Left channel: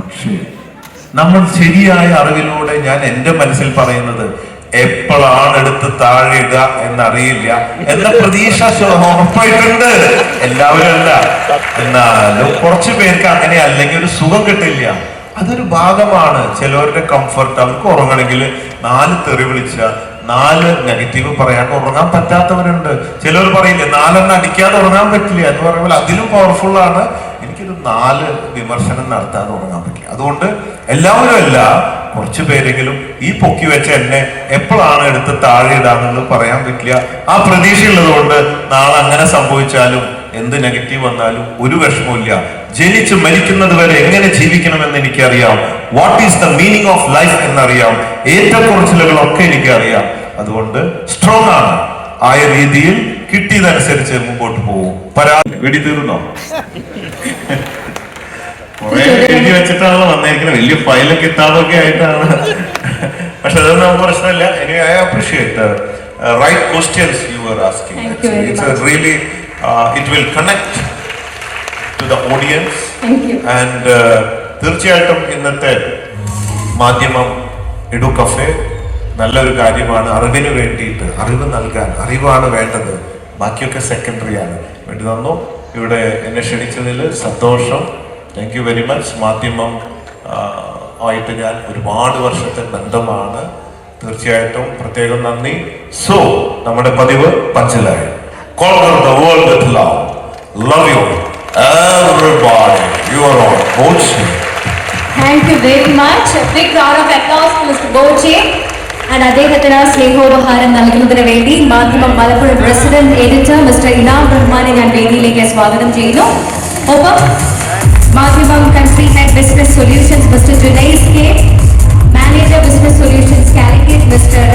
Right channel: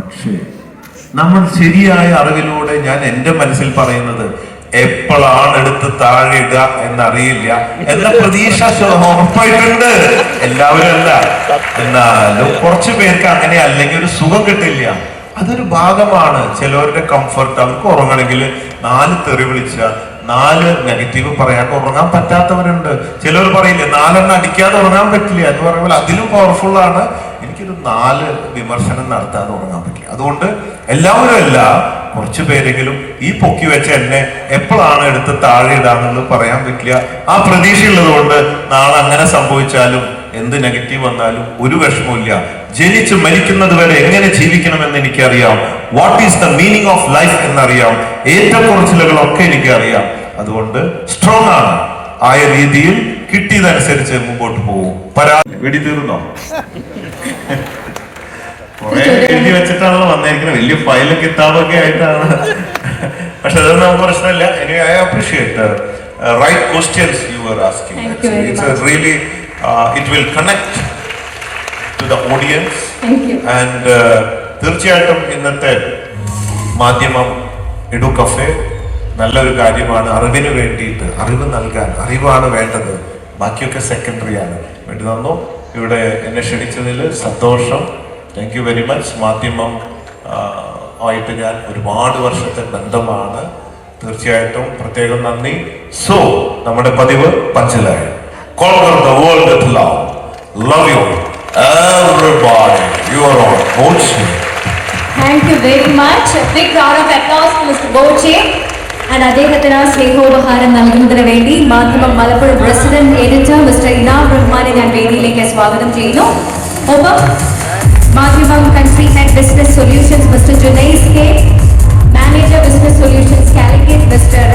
പക്ഷേ നമ്മൾ ശരിയായ അറിവിലൂടെ ഞാൻ എന്റെ മനസ്സിൽ പറയുന്നത് എപ്പോഴാണ് എടുത്ത് താഴെയിടുക എന്നറിയില്ല. എന്ന പ്രതീക്ഷ ഉറപ്പായിട്ടുണ്ട് എല്ലാവരും അല്ല. എന്നാൽ കുറച്ചു പേർക്ക് അങ്ങനെ അല്ലെങ്കിൽ ഒരു സുഖം കിട്ടില്ല. അതൊരു ഭാഗമാണ്. ചിലവരുടെ കംഫർട്ട് അവർക്ക് ഉറങ്ങണമെങ്കിൽ നാല് തെറി വിളിച്ച നാല് നെഗറ്റീവ് പറയാൻ ഉറങ്ങാൻ പറ്റാത്തവരുണ്ട്. ചിലർ പറയില്ലേ നാലെണ്ണം അടിക്കാതെ ഉറങ്ങാൻ പറ്റില്ല. എന്ന് പറയുമ്പോൾ അതിലും പവർഫുൾ ആണ്. എനിക്കൊരു നാല് വിമർശനം നടത്താൻ തുടങ്ങാൻ പറ്റില്ല. അതുകൊണ്ട് എല്ലാവരും അല്ല കുറച്ച് പേരെങ്കിലും ഈ പൊക്കി വെച്ച എന്നെ എപ്പോഴാണ് എടുത്ത് താഴെ ഇടാണെന്ന് പറയാൻ പറ്റില്ല. ആ പ്രതീക്ഷയുള്ളതുകൊണ്ട് നാളെ അങ്ങനെ സംഭവിച്ചാലും എന്ത് നെഗറ്റീവ് വന്നാലും ഒരു വിഷമമില്ല ജനിച്ച് മരിക്കുന്നത് വരെ എങ്ങനെ ജീവിക്കണമെന്ന് എനിക്കറിയാം. What is the meaning of life എന്നറിയാം. ഏറ്റക്കുറച്ചിലുകളൊക്കെ എനിക്കറിയാം. അതുകൊണ്ട് സ്ട്രോങ് ആണ്. ആയ രീതിയിൽ കിട്ടിയതനുസരിച്ച് മുമ്പോട്ട് പോകും. പരാ വെടി തീർന്നോ എഴുതി വെച്ചിട്ടാണല്ലോ വന്നിരിക്കുന്നത് വലിയ ഫയലൊക്കെ കിട്ടാതൊക്കെ ആയിട്ടാണ്. പക്ഷെ അതൊന്നും നമുക്ക് പ്രശ്നമില്ല. എനിക്ക് I appreciate right questions you are asking it's really it will connect to the audience. And തീർച്ചയായിട്ടും ഇന്നത്തെ മാധ്യമം ഇടു നല്ലൊരു കാര്യമാണ്. അറിവിന് വേണ്ടിയിട്ട് അറിവ് നൽകാൻ അറിവാണ് വേണ്ടത്. ബാക്കിയൊക്കെ സെക്കൻഡറി ആണ്. വേണ്ടി തന്നു ഇവിടെ എന്നെ ക്ഷണിച്ചതിൽ സന്തോഷം. താങ്ക് യു വെരി മച്ച് മാധ്യമം ആയിട്ട് ഞാൻ ഒരുപാട് വർഷത്തെ ബന്ധമാണ്. തീർച്ചയായിട്ടും പ്രത്യേകം നന്ദി. സോ നമ്മുടെ പതിവ് പഞ്ചലായി. The world love love everybody. You. Thank you very much big round of applause mister Boche and അദ്ദേഹത്തിന് സ്നേഹോപഹാരം നൽകുന്നതിന് വേണ്ടി Madhyamam Malappuram president editor mister Inam റഹ്മാനെ ഞാൻ വേദിയിലേക്ക് സ്വാഗതം ചെയ്യുന്നു. ഒപ്പം Madhyamam country head business solutions mister Junais K manager business solutions Calicut mister